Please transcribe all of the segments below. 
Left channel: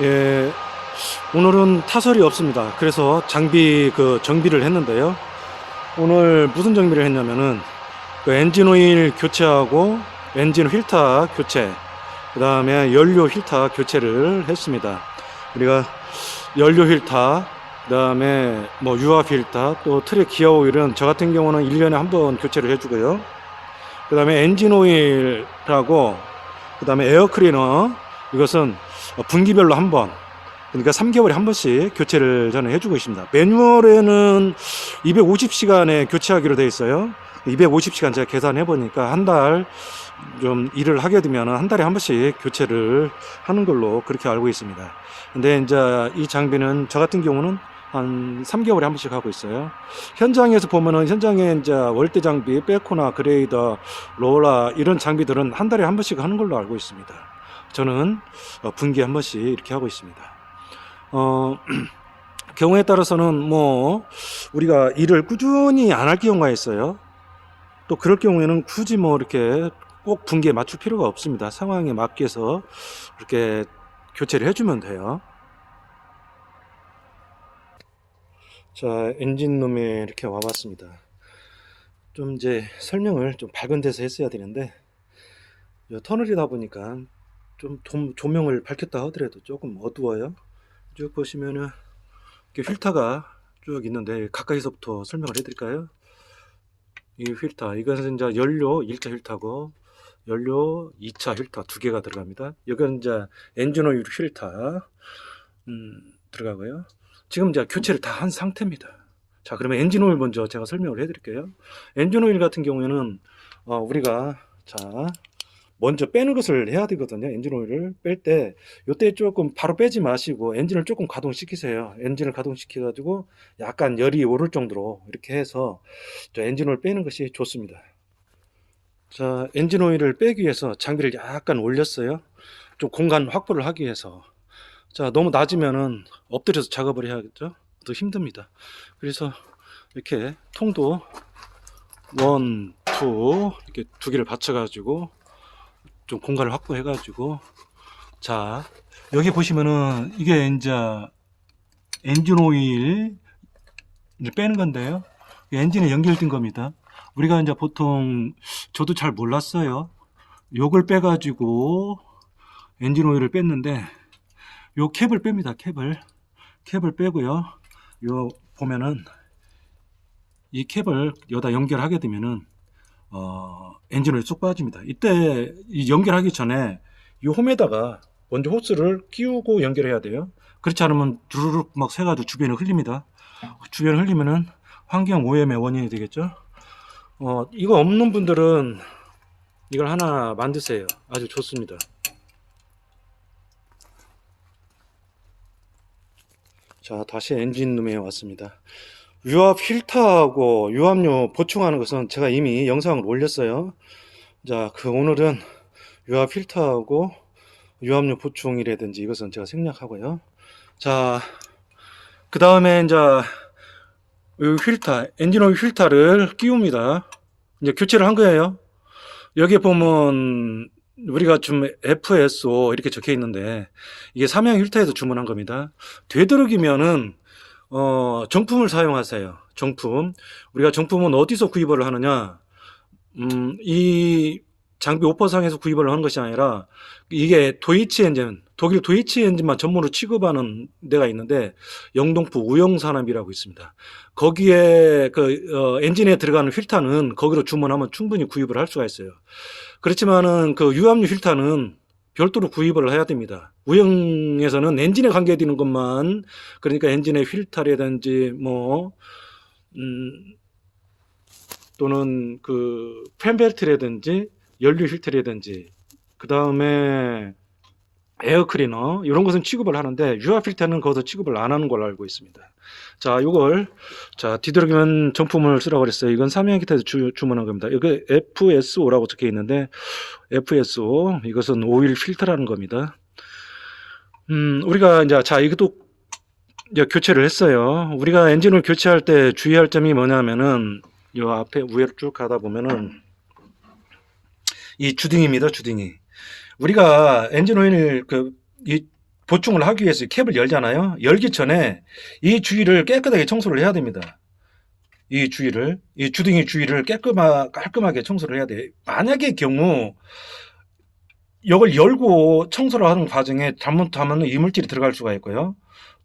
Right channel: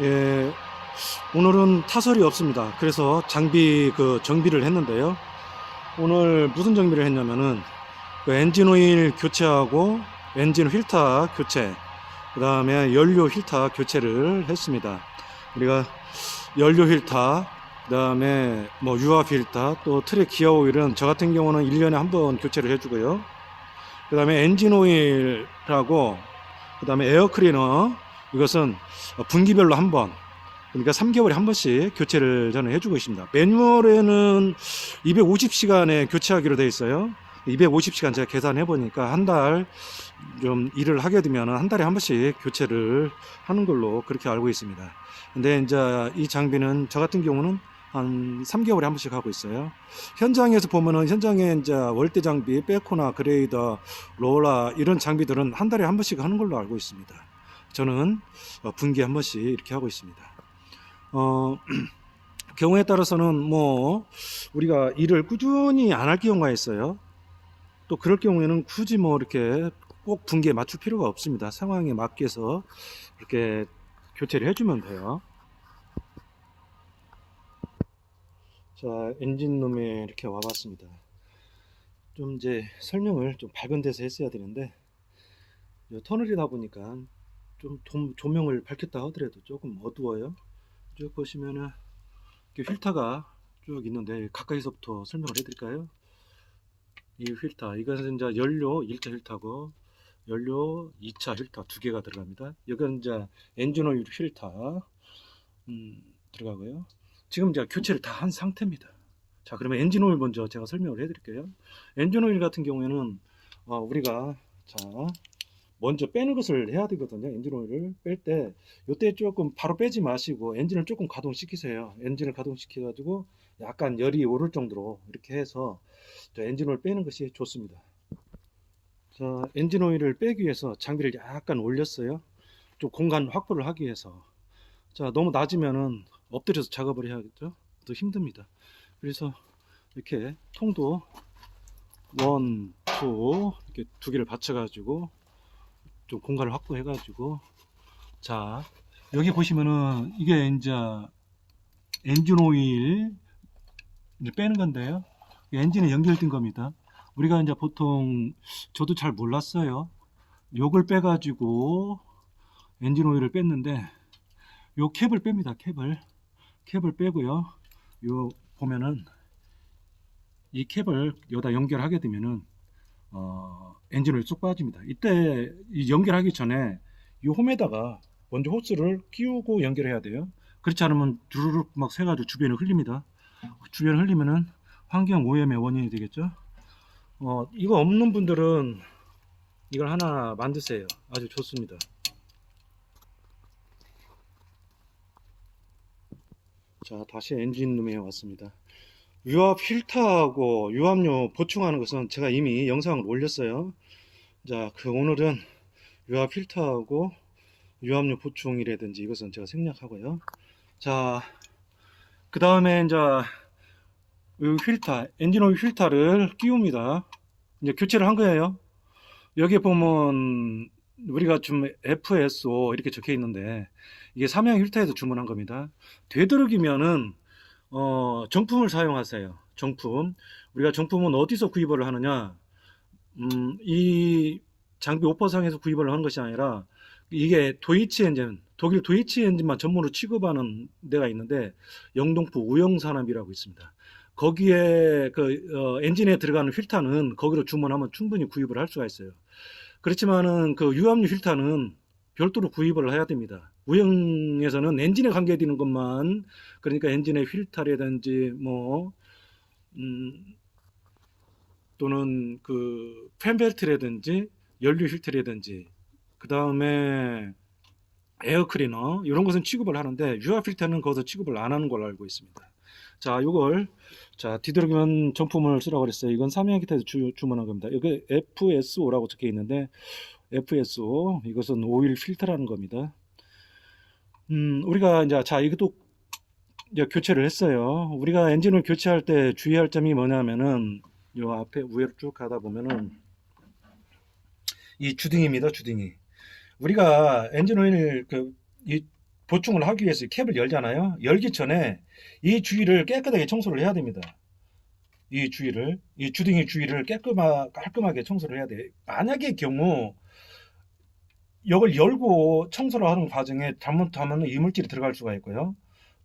예, 오늘은 타설이 없습니다. 그래서 장비 정비를 했는데요. 오늘 무슨 정비를 했냐면은 엔진 오일 교체하고 엔진 필터 교체, 그 다음에 연료 필터 교체를 했습니다. 우리가 연료 필터, 그 다음에 뭐 유압 필터, 또 트랙 기어 오일은 저 같은 경우는 1년에 한 번 교체를 해주고요. 그 다음에 엔진 오일하고 그 다음에 에어 클리너, 이것은 분기별로 한 번, 그러니까 3개월에 한 번씩 교체를 저는 해주고 있습니다. 매뉴얼에는 250시간에 교체하기로 되어 있어요. 250시간 제가 계산해 보니까 한 달 좀 일을 하게 되면 한 달에 한 번씩 교체를 하는 걸로 그렇게 알고 있습니다. 근데 이제 이 장비는 저 같은 경우는 한 3개월에 한 번씩 하고 있어요. 현장에서 보면은 현장에 이제 월대 장비, 백호나 그레이더, 롤러 이런 장비들은 한 달에 한 번씩 하는 걸로 알고 있습니다. 저는 분기에 한 번씩 이렇게 하고 있습니다. 어, 경우에 따라서는 뭐 우리가 일을 꾸준히 안 할 경우가 있어요. 또 그럴 경우에는 굳이 뭐 이렇게 꼭 분기에 맞출 필요가 없습니다. 상황에 맞게서 이렇게 교체를 해주면 돼요. 자, 엔진룸에 이렇게 와봤습니다. 좀 이제 설명을 좀 밝은 데서 했어야 되는데 터널이다 보니까 좀 조명을 밝혔다 하더라도 조금 어두워요. 쭉 보시면은 이렇게 필터가 쭉 있는데 가까이서부터 설명을 해드릴까요? 이 필터, 이것은 이제 연료 1차 필터고 연료 2차 필터 두 개가 들어갑니다. 이건 이제 엔진 오일 필터 들어가고요. 지금 이제 교체를 다 한 상태입니다. 자, 그러면 엔진 오일 먼저 제가 설명을 해드릴게요. 엔진 오일 같은 경우에는 우리가 자 먼저 빼는 것을 해야 되거든요. 엔진 오일을 뺄 때 이때 조금 바로 빼지 마시고 엔진을 조금 가동시키세요. 엔진을 가동시켜 가지고 약간 열이 오를 정도로 이렇게 해서 엔진 오일 빼는 것이 좋습니다. 자, 엔진 오일을 빼기 위해서 장비를 약간 올렸어요. 좀 공간 확보를 하기 위해서. 자, 너무 낮으면은 엎드려서 작업을 해야겠죠? 더 힘듭니다. 그래서 이렇게 통도 원, 투 이렇게 두 개를 받쳐가지고 좀 공간을 확보해가지고 자, 여기 보시면은 이게 이제 엔진 오일을 빼는 건데요. 엔진에 연결된 겁니다. 우리가 이제 보통 저도 잘 몰랐어요. 요걸 빼가지고 엔진 오일을 뺐는데 요 캡을 뺍니다. 캡을 빼고요. 요 보면은 이 캡을 여기다 연결하게 되면은 엔진 오일이 쏙 빠집니다. 이때 이 연결하기 전에 이 홈에다가 먼저 호스를 끼우고 연결해야 돼요. 그렇지 않으면 두루룩 막 새가지고 주변에 흘립니다. 주변에 흘리면은 환경 오염의 원인이 되겠죠. 이거 없는 분들은 이걸 하나 만드세요. 아주 좋습니다. 자, 다시 엔진룸에 왔습니다. 유압 필터하고 유압류 보충하는 것은 제가 이미 영상을 올렸어요. 자, 오늘은 유압 필터하고 유압류 보충이라든지 이것은 제가 생략하고요. 자, 그 다음에 이제 이 필터, 엔진 오일 필터를 끼웁니다. 이제 교체를 한 거예요. 여기 보면 우리가 좀 FSO 이렇게 적혀 있는데 이게 삼양 필터에서 주문한 겁니다. 되도록이면은 정품을 사용하세요. 정품. 우리가 정품은 어디서 구입을 하느냐? 이 장비 오퍼상에서 구입을 하는 것이 아니라 이게 도이치 엔진, 독일 도이치 엔진만 전문으로 취급하는 데가 있는데 영동포 우영산업이라고 있습니다. 거기에 엔진에 들어가는 필터는 거기로 주문하면 충분히 구입을 할 수가 있어요. 그렇지만은 유압류 필터는 별도로 구입을 해야 됩니다. 우영에서는 엔진에 관계되는 것만, 그러니까 엔진의 필터라든지 음, 또는 팬벨트라든지 연료 필터라든지 그 다음에 에어 클리너 이런 것은 취급을 하는데 유압 필터는 거기서 취급을 안 하는 걸로 알고 있습니다. 자, 요걸 뒤돌아가면 정품을 쓰라고 그랬어요. 이건 삼양 기타에서 주문한 겁니다. 이거 FSO라고 적혀 있는데 FSO 이것은 오일 필터라는 겁니다. 우리가 이제 이것도 이제 교체를 했어요. 우리가 엔진을 교체할 때 주의할 점이 뭐냐면은 요 앞에 위로 쭉 가다 보면은 이 주딩입니다. 주딩이. 우리가 엔진 오일 이 보충을 하기 위해서 캡을 열잖아요. 열기 전에 이 주위를 깨끗하게 청소를 해야 됩니다. 이 주둥이 주위를 깔끔하게 청소를 해야 돼요. 만약의 경우 이걸 열고 청소를 하는 과정에 잘못하면 이물질이 들어갈 수가 있고요.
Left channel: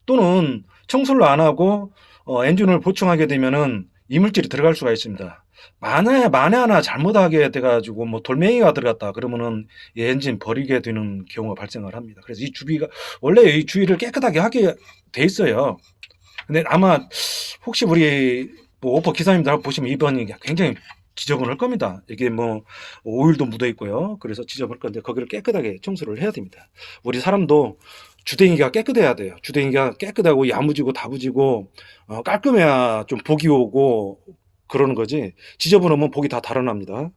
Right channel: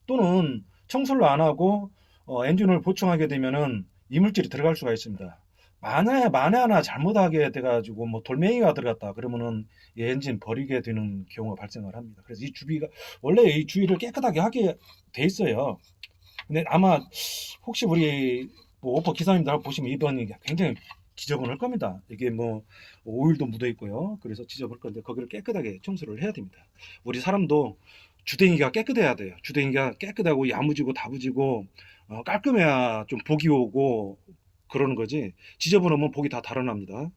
또는 청소를 안 하고 엔진을 보충하게 되면은 이물질이 들어갈 수가 있습니다. 만에 하나 잘못하게 돼가지고 뭐 돌멩이가 들어갔다 그러면은 이 엔진 버리게 되는 경우가 발생을 합니다. 그래서 이 주비가 원래 이 주위를 깨끗하게 하게 돼 있어요. 근데 아마 혹시 우리 뭐 오퍼 기사님들 보시면 이번이 굉장히 지저분할 겁니다. 이게 뭐 오일도 묻어 있고요. 그래서 지저분할 건데 거기를 깨끗하게 청소를 해야 됩니다. 우리 사람도 주댕이가 깨끗해야 돼요. 주댕이가 깨끗하고 야무지고 다부지고 깔끔해야 좀 복이 오고 그러는 거지. 지저분하면 복이 다 달아납니다.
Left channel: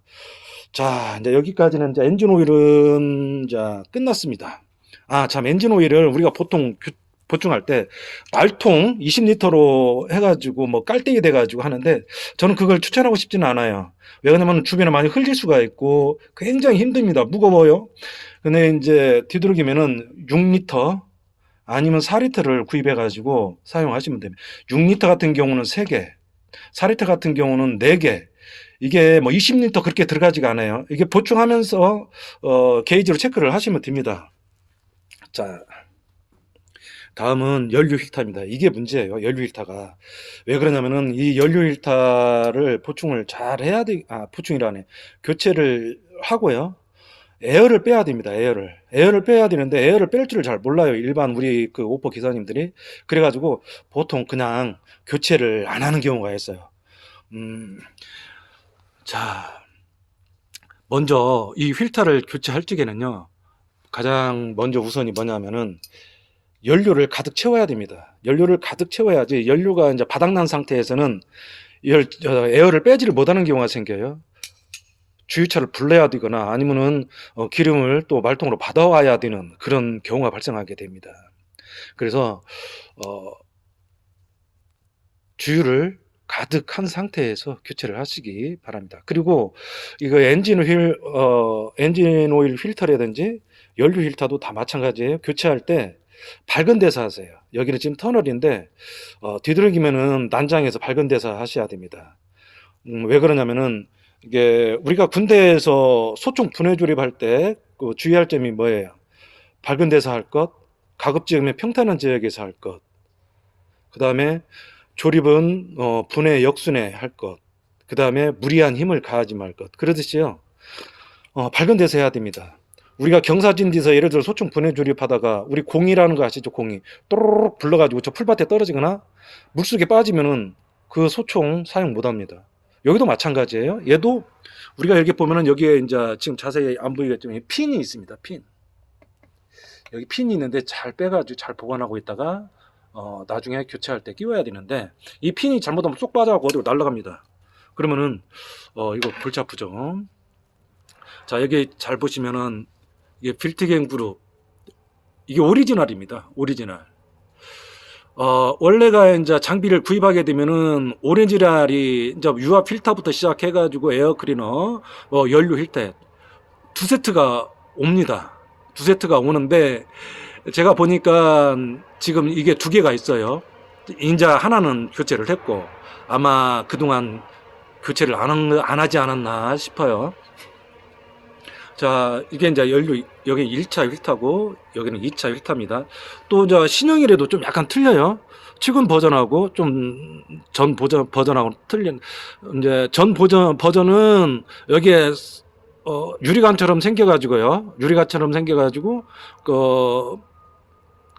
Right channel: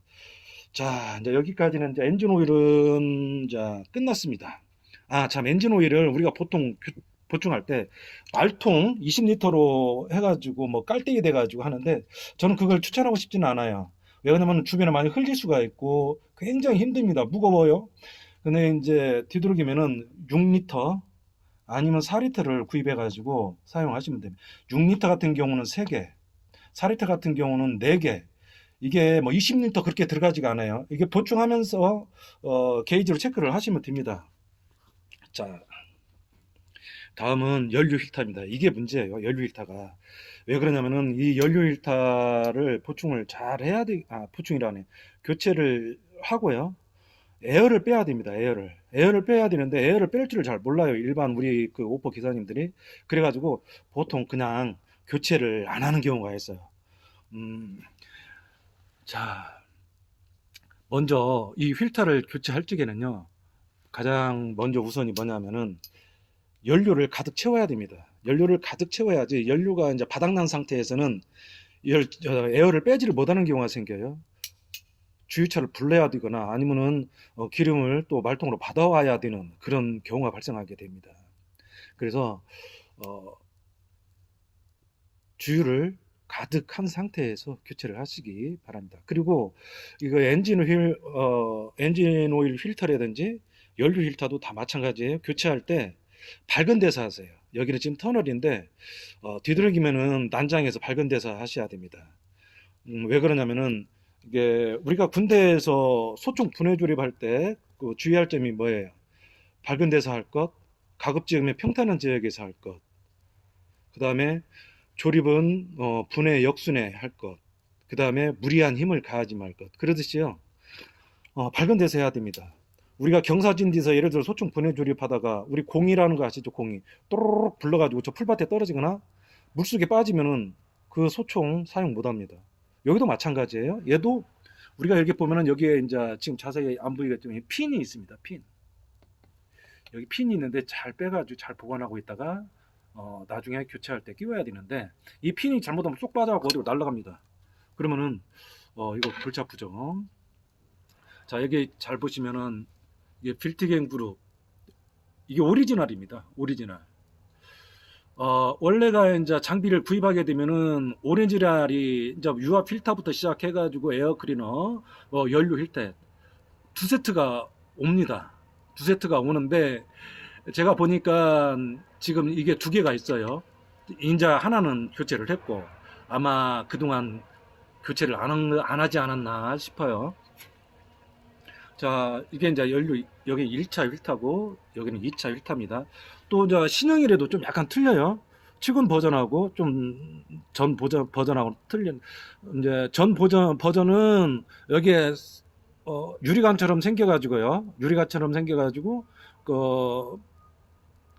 자, 이제 여기까지는 이제 엔진 오일은 자 끝났습니다. 아, 참 엔진 오일을 우리가 보통 보충할 때 말통 20리터로 해가지고 뭐 깔때기 돼가지고 하는데 저는 그걸 추천하고 싶지는 않아요. 왜냐면 주변에 많이 흘릴 수가 있고 굉장히 힘듭니다. 무거워요. 근데 이제 뒤돌기면은 6리터 아니면 4리터를 구입해가지고 사용하시면 됩니다. 6리터 같은 경우는 3개, 4리터 같은 경우는 4개. 이게 뭐 20리터 그렇게 들어가지가 않아요. 이게 보충하면서 게이지로 체크를 하시면 됩니다. 자, 다음은 연료 필터입니다. 이게 문제예요. 연료 필터가. 왜 그러냐면은 이 연료 필터를 보충을 잘 해야 돼. 아, 보충이라네. 교체를 하고요. 에어를 빼야 됩니다. 에어를 빼야 되는데 에어를 뺄 줄을 잘 몰라요. 일반 우리 그 오퍼 기사님들이. 그래가지고 보통 그냥 교체를 안 하는 경우가 있어요. 자, 먼저 이 필터를 교체할 적에는요. 가장 먼저 우선이 뭐냐면은 연료를 가득 채워야 됩니다. 연료를 가득 채워야지 연료가 이제 바닥난 상태에서는 에어를 빼지를 못하는 경우가 생겨요. 주유차를 불러야 되거나 아니면은 기름을 또 말통으로 받아와야 되는 그런 경우가 발생하게 됩니다. 그래서 주유를 가득한 상태에서 교체를 하시기 바랍니다. 그리고 이거 엔진 오일 필터라든지 연료 필터도 다 마찬가지예요. 교체할 때 밝은 데서 하세요. 여기는 지금 터널인데 뒤돌기면은 난장에서 밝은 데서 하셔야 됩니다. 왜 그러냐면은 이게 우리가 군대에서 소총 분해 조립할 때 그 주의할 점이 뭐예요? 밝은 데서 할 것, 가급적이면 평탄한 지역에서 할 것, 그 다음에 조립은 분해 역순회 할 것, 그 다음에 무리한 힘을 가하지 말 것. 그러듯이요. 밝은 데서 해야 됩니다. 우리가 경사진지에서 예를 들어 소총 분해 조립하다가 우리 공이라는 거 아시죠? 공이 또르륵 불러가지고 저 풀밭에 떨어지거나 물속에 빠지면은 그 소총 사용 못합니다. 여기도 마찬가지예요. 얘도 우리가 이렇게 보면은 여기에 이제 지금 자세히 안 보이겠지만 핀이 있습니다. 핀. 여기 핀이 있는데 잘 빼가지고 잘 보관하고 있다가 나중에 교체할 때 끼워야 되는데 이 핀이 잘못하면 쏙 빠져갖고 어디로 날아갑니다. 그러면은 이거 골치 아프죠. 자, 여기 잘 보시면은 이게 빌트겐 그룹 이게 오리지널입니다. 오리지널. 원래가 이제 장비를 구입하게 되면은 오리지널이 이제 유화 필터부터 시작해가지고 에어 클리너, 연료 힐터 두 세트가 옵니다. 두 세트가 오는데 제가 보니까 지금 이게 두 개가 있어요. 인자 하나는 교체를 했고 아마 그동안 교체를 안 하지 않았나 싶어요. 자, 이게 이제 연료, 여기 1차 휠타고, 여기는 2차 휠타입니다. 또, 신형이라도 좀 약간 틀려요. 최근 버전하고, 좀, 버전하고 틀린, 이제, 버전은, 여기에, 유리관처럼 생겨가지고요. 유리관처럼 생겨가지고,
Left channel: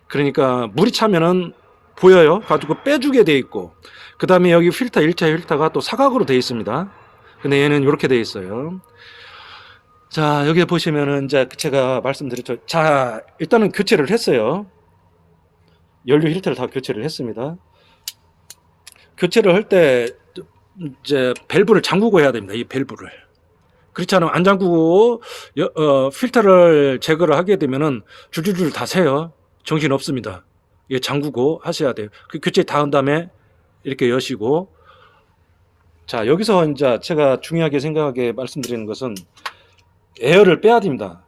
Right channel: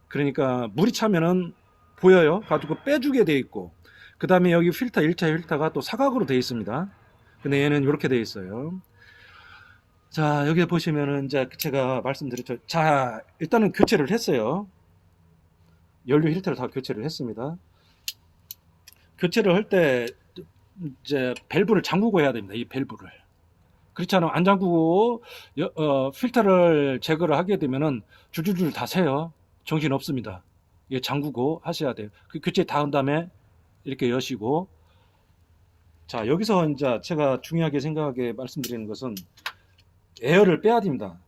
그러니까, 물이 차면은 보여요. 가지고 빼주게 돼 있고, 그 다음에 여기 필터, 1차 필터가 또 사각으로 돼 있습니다. 근데 얘는 이렇게 돼 있어요. 자, 여기 보시면은 이제 제가 말씀드렸죠. 자, 일단은 교체를 했어요. 연료 힐터를 다 교체를 했습니다. 교체를 할 때 이제 밸브를 잠그고 해야 됩니다. 이 밸브를. 그렇지 않으면 안 잠그고 필터를 제거를 하게 되면은 줄줄줄 다 새요. 정신 없습니다. 이게 잠그고 하셔야 돼요. 그 교체 다 한 다음에 이렇게 여시고. 자, 여기서 이제 제가 중요하게 생각하게 말씀드리는 것은 에어를 빼야 됩니다.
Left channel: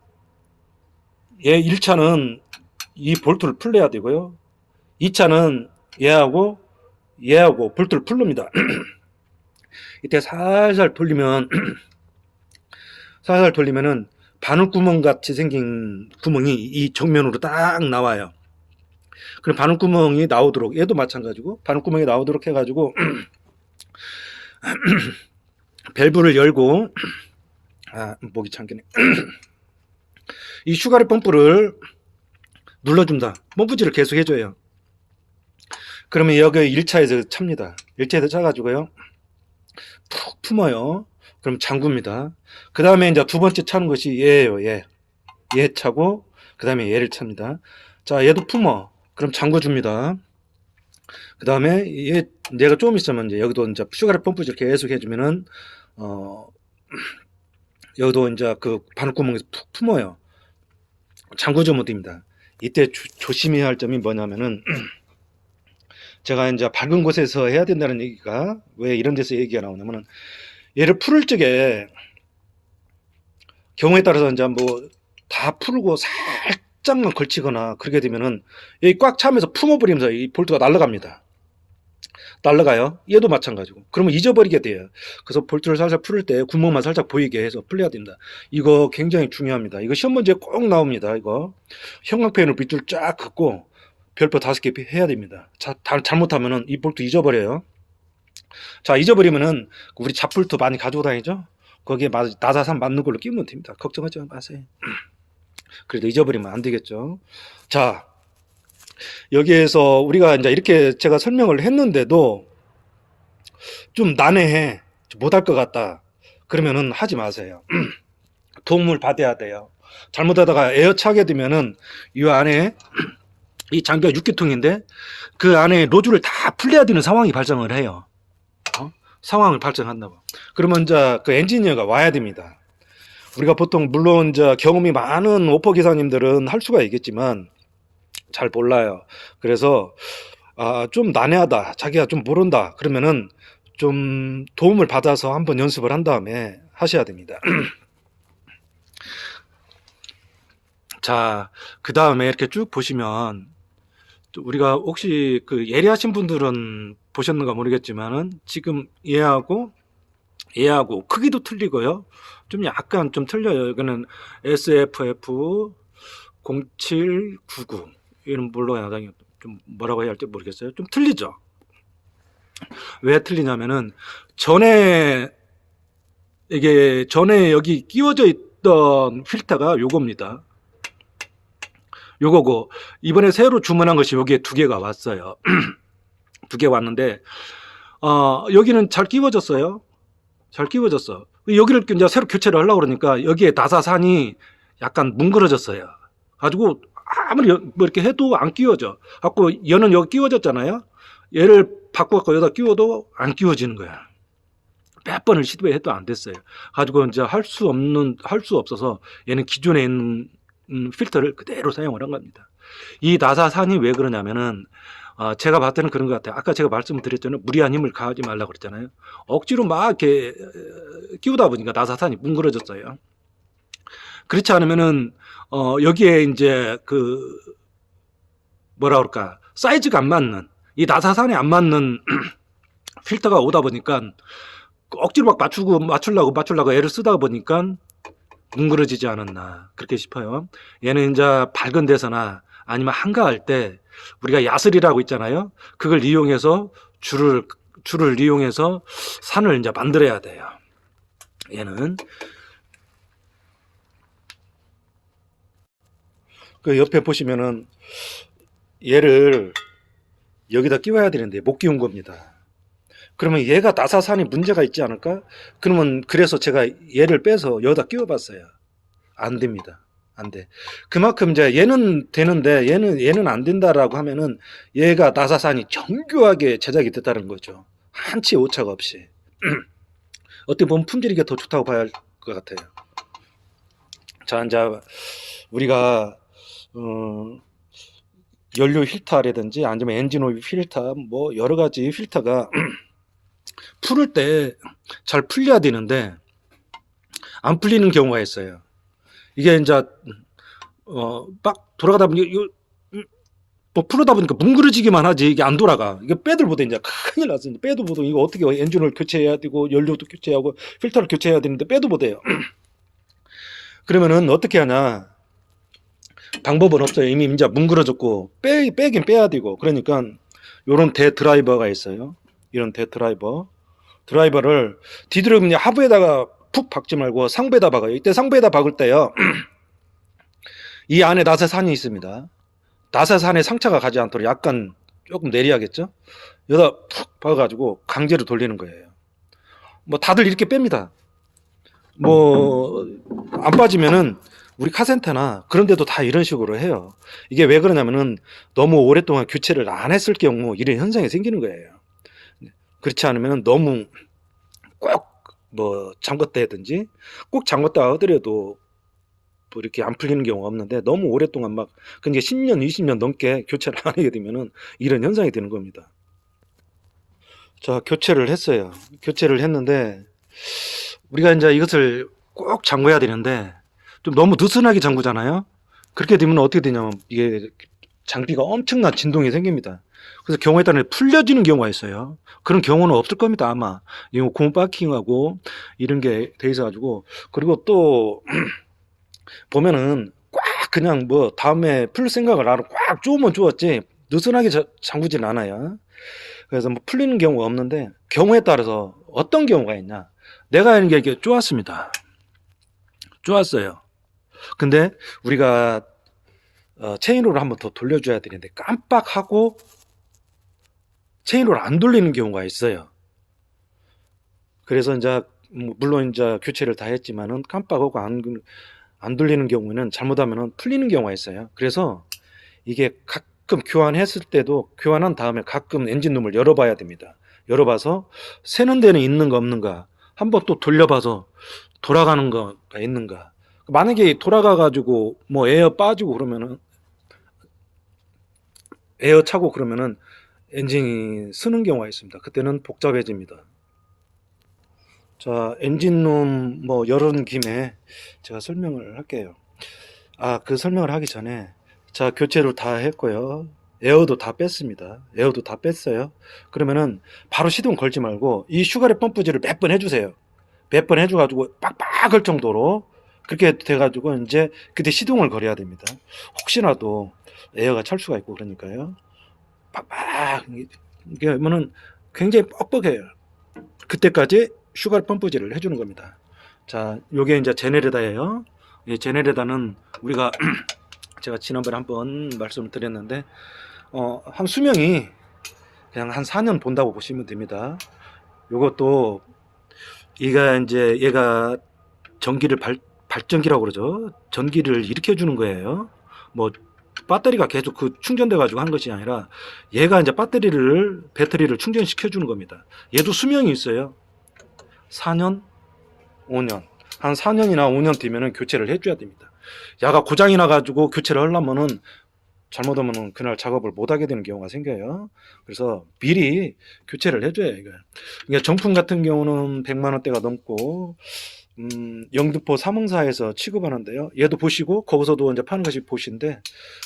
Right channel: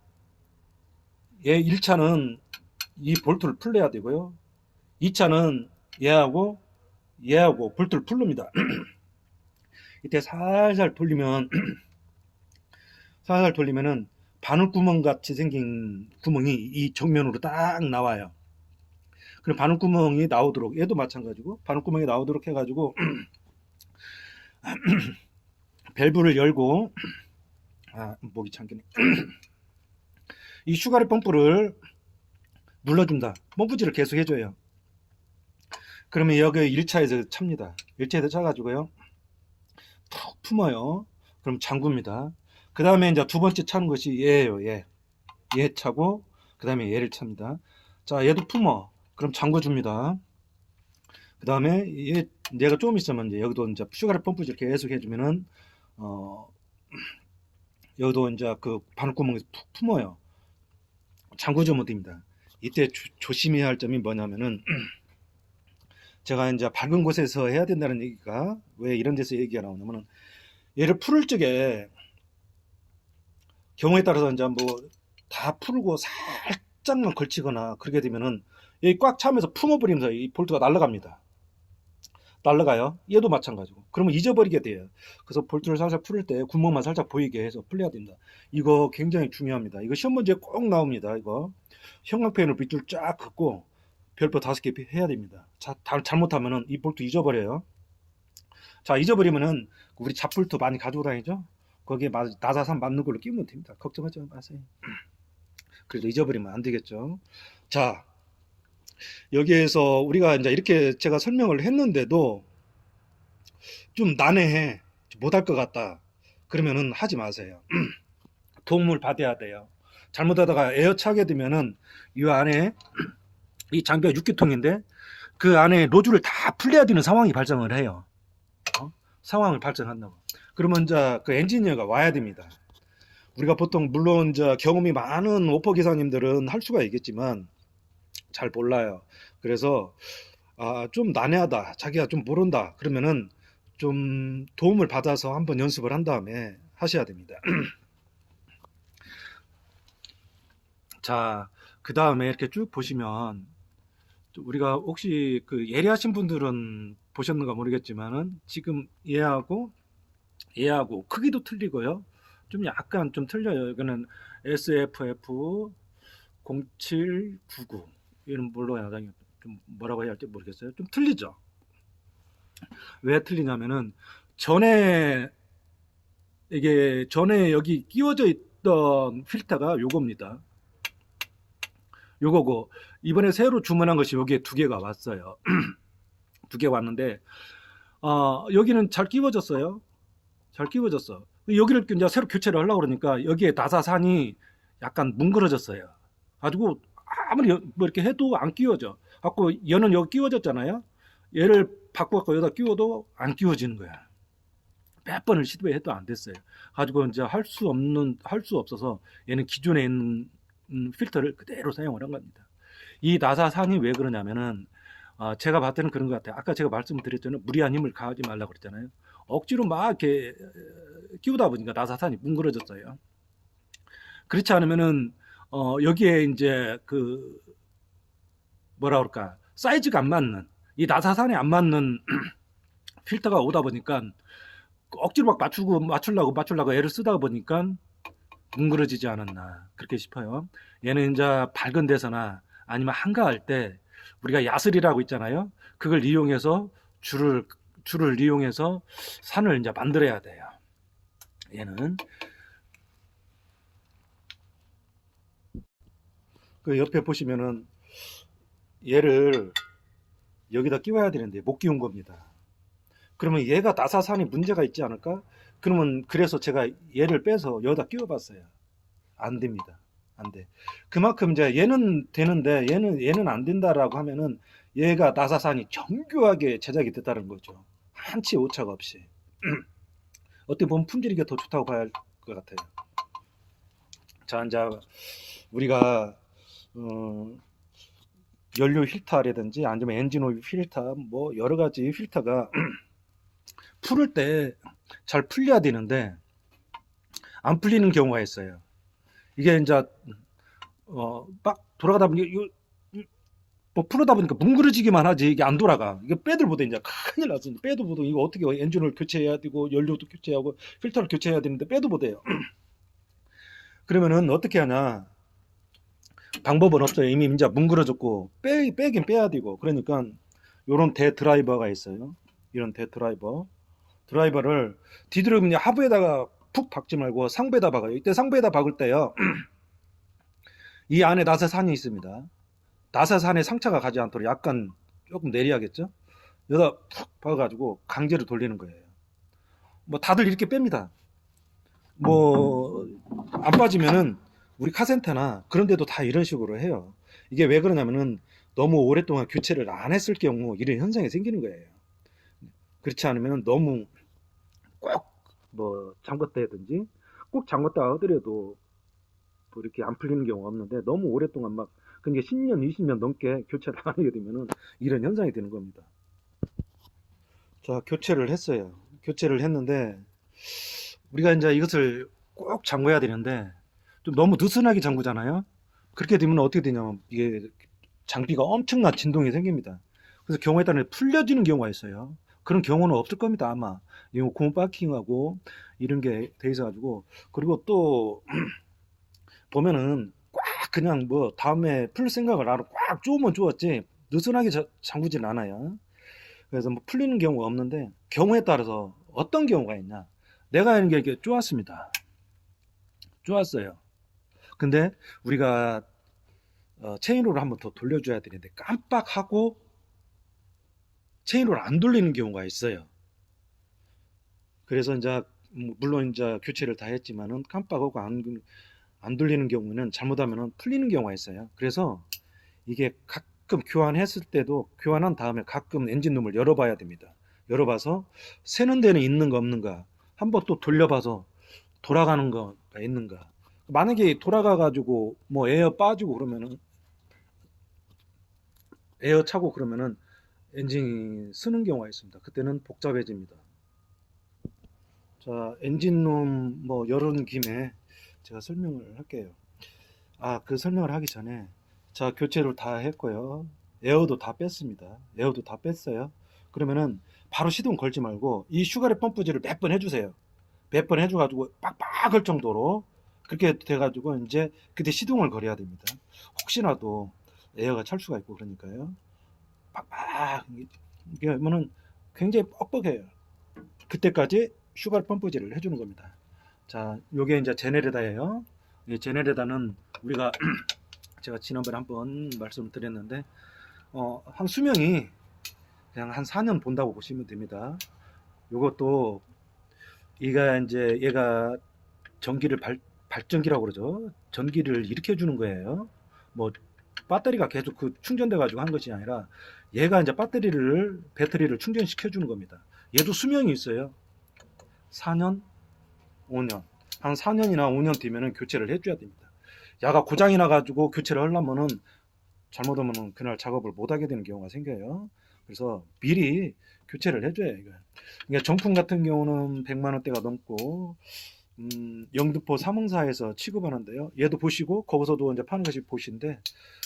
얘 1차는 이 볼트를 풀려야 되고요. 2차는 얘하고 볼트를 풀릅니다. 이때 살살 돌리면 살살 돌리면은 바늘구멍 같이 생긴 구멍이 이 정면으로 딱 나와요. 그럼 바늘구멍이 나오도록, 얘도 마찬가지고 바늘구멍이 나오도록 해가지고 밸브를 열고, 목이 잠기네. 이 슈가리 펌프를 눌러줍니다. 펌프질을 계속 해줘요. 그러면 여기 1차에서 찹니다. 1차에서 차가지고요, 푹 품어요. 그럼 잠굽니다. 그 다음에 이제 두 번째 차는 것이 얘예요. 얘 차고, 그 다음에 얘를 찹니다. 자, 얘도 품어. 그럼 잠궈줍니다. 그 다음에 얘가 좀 있으면 이제 여기도 이제 슈가리 펌프질 계속 해주면은, 여기도 이제 그 바늘구멍에서 푹 품어요. 잠궈주면 됩니다. 이때 조심해야 할 점이 뭐냐면은, 제가 이제 밝은 곳에서 해야 된다는 얘기가 왜 이런 데서 얘기가 나오냐면은, 얘를 풀을 적에 경우에 따라서 이제 뭐 다 풀고 살짝만 걸치거나 그렇게 되면은 여기 꽉 차면서 품어버리면서 이 볼트가 날아갑니다. 날아가요. 얘도 마찬가지고. 그러면 잊어버리게 돼요. 그래서 볼트를 살살 풀을 때 구멍만 살짝 보이게 해서 풀려야 됩니다. 이거 굉장히 중요합니다. 이거 시험 문제에 꼭 나옵니다. 이거 형광펜으로 밑줄 쫙 긋고 별표 5개 해야 됩니다. 자, 잘못하면은 이 볼트 잊어버려요. 자, 잊어버리면은 우리 잡볼트 많이 가지고 다니죠? 거기에 나사산 맞는 걸로 끼우면 됩니다. 걱정하지 마세요. 그래도 잊어버리면 안 되겠죠. 자, 여기에서 우리가 이제 이렇게 제가 설명을 했는데도 좀 난해해, 못할 것 같다, 그러면은 하지 마세요. 도움을 받아야 돼요. 잘못하다가 에어 차게 되면은 이 안에 이 장비가 6기통인데 그 안에 로즈를 다 풀려야 되는 상황이 발생을 해요. 상황을 발생한다고. 그러면 이제 그 엔지니어가 와야 됩니다. 우리가 보통 물론 이제 경험이 많은 오퍼 기사님들은 할 수가 있겠지만 잘 몰라요. 그래서 좀 난해하다, 자기가 좀 모른다, 그러면은 좀 도움을 받아서 한번 연습을 한 다음에 하셔야 됩니다. 자, 그 다음에 이렇게 쭉 보시면 우리가 혹시 그 예리하신 분들은 보셨는가 모르겠지만은 지금 얘하고 크기도 틀리고요. 좀 약간 좀 틀려요. 이거는 SFF 0799, 이런 물론 좀 뭐라고 해야 할지 모르겠어요. 좀 틀리죠. 왜 틀리냐면은 전에 여기 끼워져 있던 필터가 요겁니다. 요거고, 이번에 새로 주문한 것이 여기에 2개가 왔어요. 2개 왔는데 여기는 잘 끼워졌어요. 잘 끼워졌어. 여기를 이제 새로 교체를 하려고 그러니까 여기에 나사산이 약간 뭉그러졌어요. 가지고 아무리 뭐 이렇게 해도 안 끼워져. 갖고 얘는 여기 끼워졌잖아요. 얘를 바꿔갖고 여기다 끼워도 안 끼워지는 거야. 몇 번을 시도해도 안 됐어요. 가지고 이제 할 수 없어서 얘는 기존에 있는 필터를 그대로 사용을 한 겁니다. 이 나사산이 왜 그러냐면은 제가 봤을 때는 그런 것 같아요. 아까 제가 말씀을 드렸잖아요. 무리한 힘을 가하지 말라고 그랬잖아요. 억지로 막 이렇게 끼우다 보니까 나사산이 뭉그러졌어요. 그렇지 않으면은 여기에 이제 그 뭐라 그럴까, 사이즈가 안 맞는, 이 나사산에 안 맞는 필터가 오다 보니까 억지로 막 맞추려고 애를 쓰다 보니까 뭉그러지지 않았나 그렇게 싶어요. 얘는 이제 밝은 데서나 아니면 한가할 때 우리가 야슬이라고 있잖아요. 그걸 이용해서 줄을 이용해서 산을 이제 만들어야 돼요. 얘는 그 옆에 보시면은 얘를 여기다 끼워야 되는데 못 끼운 겁니다. 그러면 얘가 나사산이 문제가 있지 않을까? 그러면 그래서 제가 얘를 빼서 여기다 끼워 봤어요. 안 됩니다. 안 돼. 그만큼 이제 얘는 되는데 얘는 안 된다라고 하면은 얘가 나사산이 정교하게 제작이 됐다는 거죠. 한치 오차가 없이. 어떻게 보면 품질이 더 좋다고 봐야 할 것 같아요. 자, 이제 우리가 연료 필터라든지 아니면 엔진 오일 필터, 뭐 여러 가지 필터가 풀을 때 잘 풀려야 되는데 안 풀리는 경우가 있어요. 이게 이제 막 돌아가다 보니 뭐 풀어다 보니까 뭉그러지기만 하지 이게 안 돌아가. 이게 빼들 보다 이제 큰일 났어. 빼도 보다 이거 어떻게 엔진을 교체해야 되고 연료도 교체하고 필터를 교체해야 되는데 빼도 보대요. 그러면은 어떻게 하냐? 방법은 없어요. 이미 이제 뭉그러졌고 빼긴 빼야 되고 그러니까 요런 대 드라이버가 있어요. 이런 대 드라이버를 뒤로 그냥 하부에다가 푹 박지 말고 상부에다 박아요. 이때 상부에다 박을 때요. 이 안에 나사산이 있습니다. 나사산에 상처가 가지 않도록 약간 조금 내려야겠죠? 여기다 푹 박아가지고 강제로 돌리는 거예요. 뭐 다들 이렇게 뺍니다. 뭐 안 빠지면은 우리 카센터나 그런 데도 다 이런 식으로 해요. 이게 왜 그러냐면은 너무 오랫동안 교체를 안 했을 경우 이런 현상이 생기는 거예요. 그렇지 않으면 너무 꼭 뭐 잠궜다든지 꼭 잠궜다 하더라도 뭐 이렇게 안 풀리는 경우가 없는데 너무 오랫동안 막 그러니까 10년, 20년 넘게 교체를 안 하게 되면은 이런 현상이 되는 겁니다. 자, 교체를 했어요. 교체를 했는데 우리가 이제 이것을 꼭 잠궈야 되는데 좀 너무 느슨하게 잠그잖아요. 그렇게 되면 어떻게 되냐면 이게 장비가 엄청난 진동이 생깁니다. 그래서 경우에 따라 풀려지는 경우가 있어요. 그런 경우는 없을 겁니다, 아마. 이거 고무 파킹하고 이런 게 돼 있어가지고. 그리고 또 보면은 꽉 그냥 뭐 다음에 풀 생각을 안 하고 꽉 쪼으면 쪼았지 느슨하게 잠그진 않아요. 그래서 뭐 풀리는 경우가 없는데 경우에 따라서 어떤 경우가 있냐. 내가 하는 게 이렇게 쪼았습니다. 쪼았어요. 근데 우리가 체인으로 한번 더 돌려줘야 되는데 깜빡하고 체인으로 안 돌리는 경우가 있어요. 그래서 이제 물론 이제 교체를 다 했지만은 깜빡하고 안 돌리는 경우에는 잘못하면은 풀리는 경우가 있어요. 그래서 이게 가끔 교환했을 때도 교환한 다음에 가끔 엔진룸을 열어봐야 됩니다. 열어봐서 새는 데는 있는가 없는가 한번 또 돌려봐서 돌아가는 거가 있는가. 만약에 돌아가가지고 뭐 에어 빠지고 그러면은 에어 차고 그러면은 엔진이 쓰는 경우가 있습니다. 그때는 복잡해집니다. 자, 엔진룸 뭐 열은 김에 제가 설명을 할게요. 아, 그 설명을 하기 전에 자, 교체를 다 했고요. 에어도 다 뺐습니다. 에어도 다 뺐어요. 그러면은 바로 시동 걸지 말고 이 슈가렛 펌프질을 몇 번 해주세요. 몇 번 해줘가지고 빡빡할 정도로 그렇게 돼가지고 이제 그때 시동을 걸어야 됩니다. 혹시라도 에어가 찰 수가 있고 그러니까요. 빡빡 이게 하면은 굉장히 뻑뻑해요. 그때까지 슈가 펌프질을 해주는 겁니다. 자, 요게 이제 제네레다예요. 이 제네레다는 우리가 제가 지난번에 한번 말씀을 드렸는데 한 수명이 그냥 한 4년 본다고 보시면 됩니다. 요것도 얘가 전기를 발전기라고 그러죠. 전기를 일으켜 주는 거예요. 뭐 배터리가 계속 그 충전돼 가지고 한 것이 아니라 얘가 이제 배터리를 충전시켜 주는 겁니다. 얘도 수명이 있어요. 4년, 5년. 한 4년이나 5년 뒤면은 교체를 해줘야 됩니다. 야가 고장이 나가지고 교체를 하려면은 잘못하면은 그날 작업을 못 하게 되는 경우가 생겨요. 그래서 미리 교체를 해줘요, 이거. 그러니까 정품 같은 경우는 100만 원대가 넘고, 영등포 삼흥사에서 취급하는데요. 얘도 보시고, 거기서도 이제 파는 것이 보시인데,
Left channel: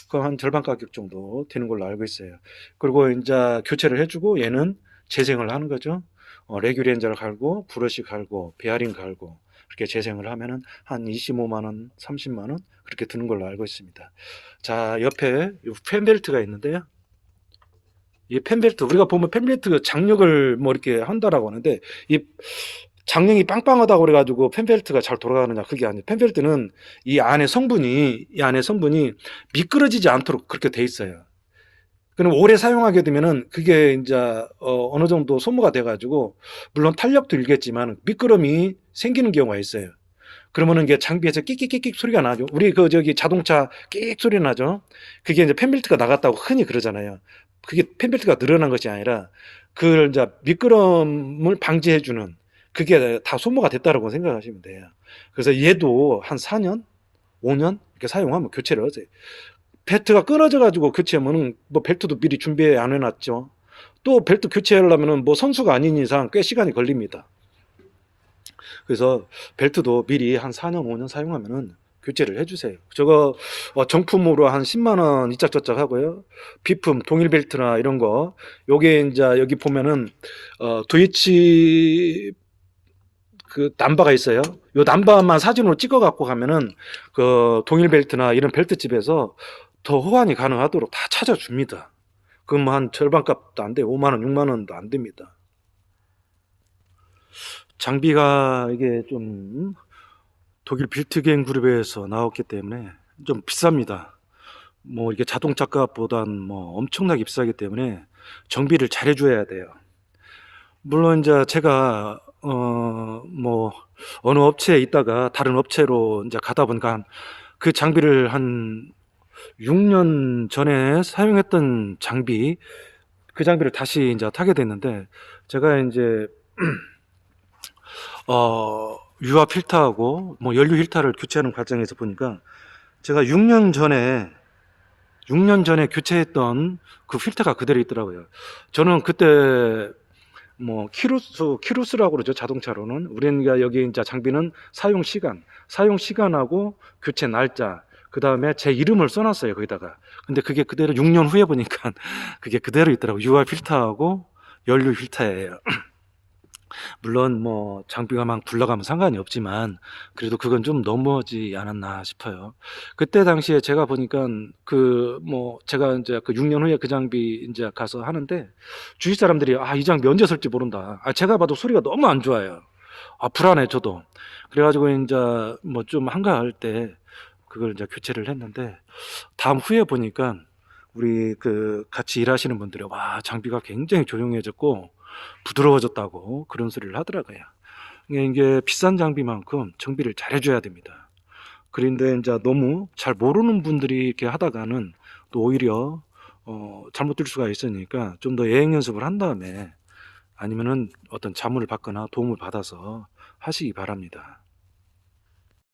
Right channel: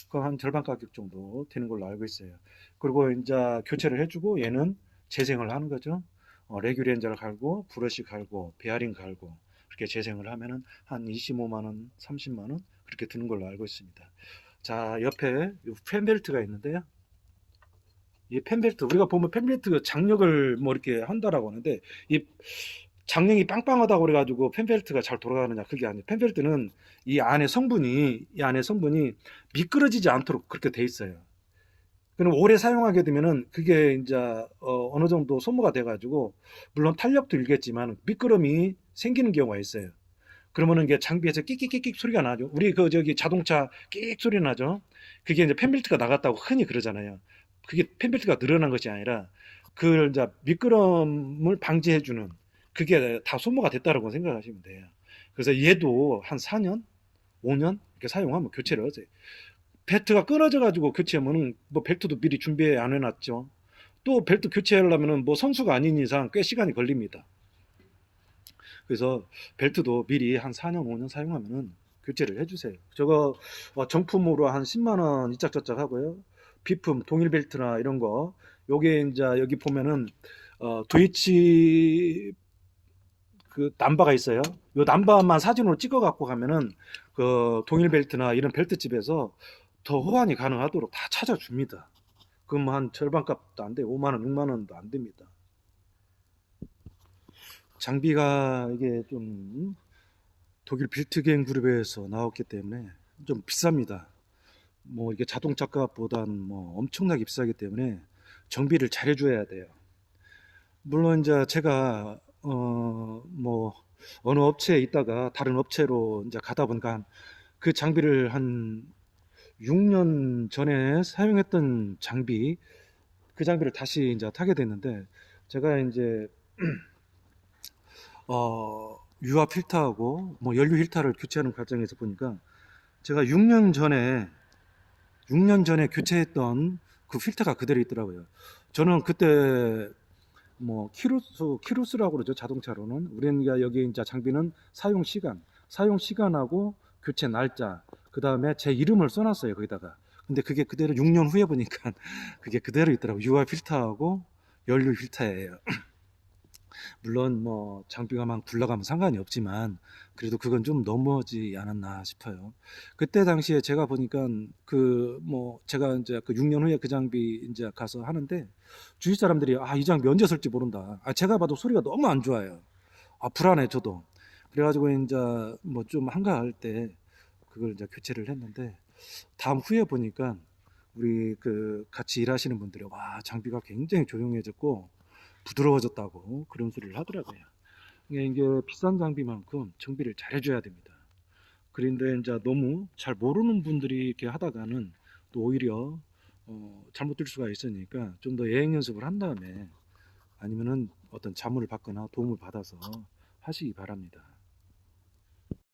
그 한 절반 가격 정도 되는 걸로 알고 있어요. 그리고 이제 교체를 해주고, 얘는 재생을 하는 거죠. 레귤렌저를 갈고, 브러쉬 갈고, 베어링 갈고, 그렇게 재생을 하면은 한 25만 원, 30만 원 그렇게 드는 걸로 알고 있습니다. 자, 옆에 펜벨트가 있는데요. 이 펜벨트 우리가 보면 펜벨트 장력을 뭐 이렇게 한다라고 하는데 이 장력이 빵빵하다고 그래가지고 펜벨트가 잘 돌아가느냐 그게 아니에요. 펜벨트는 이 안에 성분이 미끄러지지 않도록 그렇게 돼 있어요. 그럼 오래 사용하게 되면은 그게 이제 어느 정도 소모가 돼가지고 물론 탄력도 일겠지만 미끄럼이 생기는 경우가 있어요. 그러면은 이게 장비에서 끽끽끽끽 소리가 나죠. 우리 그 저기 자동차 끽 소리 나죠. 그게 이제 펜벨트가 나갔다고 흔히 그러잖아요. 그게 펜벨트가 늘어난 것이 아니라 그걸 이제 미끄럼을 방지해주는 그게 다 소모가 됐다라고 생각하시면 돼요. 그래서 얘도 한 4년, 5년 이렇게 사용하면 교체를 하세요. 벨트가 끊어져 가지고 교체하면은 뭐 벨트도 미리 준비 안 해놨죠. 또 벨트 교체하려면은 뭐 선수가 아닌 이상 꽤 시간이 걸립니다. 그래서 벨트도 미리 한 4년, 5년 사용하면은 교체를 해주세요. 저거 정품으로 한 10만 원 이짝저짝 하고요. 비품 동일 벨트나 이런 거 요게 이제 여기 보면은 도이치 그 남바가 있어요. 요 남바만 사진으로 찍어 갖고 가면은 그 동일 벨트나 이런 벨트집에서 더 호환이 가능하도록 다 찾아줍니다. 그럼 뭐 한 절반값도 안 돼요. 5만 원, 6만 원도 안 됩니다. 장비가 이게 좀 독일 빌트겐 그룹에서 나왔기 때문에 좀 비쌉니다. 뭐 이게 자동차 값보단 뭐 엄청나게 비싸기 때문에 정비를 잘 해줘야 돼요. 물론 이제 제가 뭐 어느 업체에 있다가 다른 업체로 이제 가다 보니까 그 장비를 한 6년 전에 사용했던 장비, 그 장비를 다시 이제 타게 됐는데 제가 이제 유압 필터하고 뭐 연료 필터를 교체하는 과정에서 보니까 제가 6년 전에 교체했던 그 필터가 그대로 있더라고요. 저는 그때 뭐 키루스라고 그러죠. 자동차로는 우리가 여기 이제 장비는 사용 시간하고 교체 날짜, 그 다음에 제 이름을 써놨어요 거기다가. 근데 그게 그대로 6년 후에 보니까 그게 그대로 있더라고. 유압 필터하고 연료 필터예요. 물론 뭐 장비가 막 굴러가면 상관이 없지만 그래도 그건 좀 너무하지 않았나 싶어요. 그때 당시에 제가 보니까 그 뭐 제가 이제 그 6년 후에 그 장비 이제 가서 하는데 주위 사람들이 이 장비 언제 쓸지 모른다. 제가 봐도 소리가 너무 안 좋아요. 불안해 저도. 그래가지고 이제 뭐 좀 한가할 때 그걸 이제 교체를 했는데 다음 후에 보니까 우리 그 같이 일하시는 분들이 와 장비가 굉장히 조용해졌고 부드러워졌다고 그런 소리를 하더라고요. 이게 비싼 장비만큼 정비를 잘 해줘야 됩니다. 그런데 이제 너무 잘 모르는 분들이 이렇게 하다가는 또 오히려 잘못될 수가 있으니까 좀 더 예행 연습을 한 다음에 아니면은 어떤 자문을 받거나 도움을 받아서 하시기 바랍니다.